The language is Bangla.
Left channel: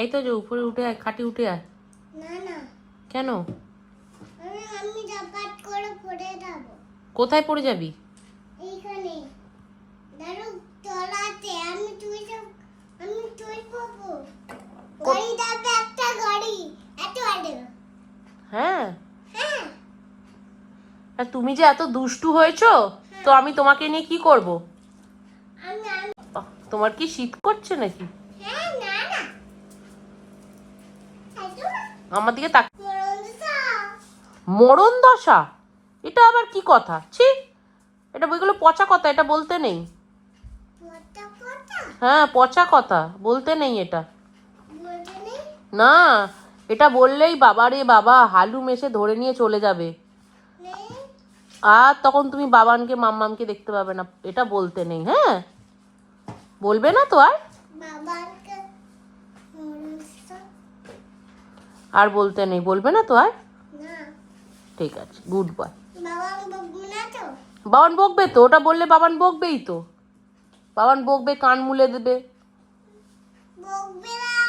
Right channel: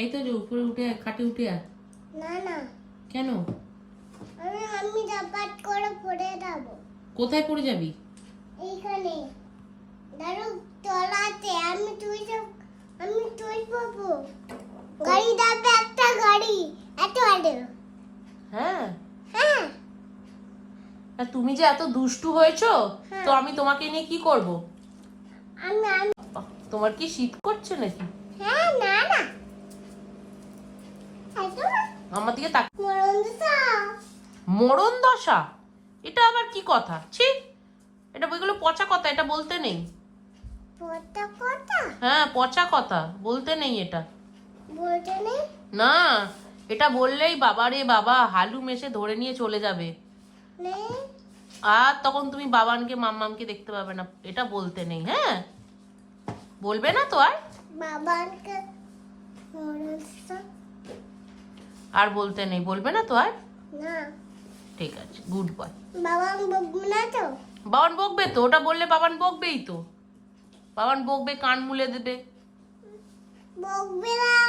এই তো যে উপরে উঠে আয়, খাটে উঠে আয়। না না, কেন? আমি ঝাপাট করে পড়ে যাব। কোথায় পড়ে যাবি? এইখানে দাঁড়ো, তলাতে আমি তুই পাবো। গাড়ি যাবে, একটা গাড়ি এত আড়ে। হ্যাঁ, হ্যাঁ, আর তুমি যে এত দুষ্টু হয়েছো, তো আমি তোমাকে নিয়ে কি করব? আমি আমি তোমার কি শীত করছে নাকি? হ্যাঁ, না না, এতো আমার দিকে তাক। মরণ দিশা। মরণ দশা? এটা আবার কি কথা? ছি, এটা বইগুলো পচা কথা, এটা বলতে নেই। পড়তা পড়তা হ্যাঁ, পচা কথা, বলতে নেই এটা। বলতে নেই। না, এটা বললেই বাবা রে বাবা হালুম এসে ধরে নিয়ে চলে যাবে, নেই আর তখন তুমি বাবানকে মাম্মামকে দেখতে পাবে না। এটা বলতে নেই। হ্যাঁ, বলবে না তো আর? বাবাকে মরণ দিশা। আর বলতে নেই, বলবে না তো আর? না, ঠিক আছে, গুড বয়। বাবা বকবো না তো। বাবান বকবে তো, ওটা বললে বাবান বকবেই তো। বাবান বকবে, কান মুলে দেবে। বকবে না।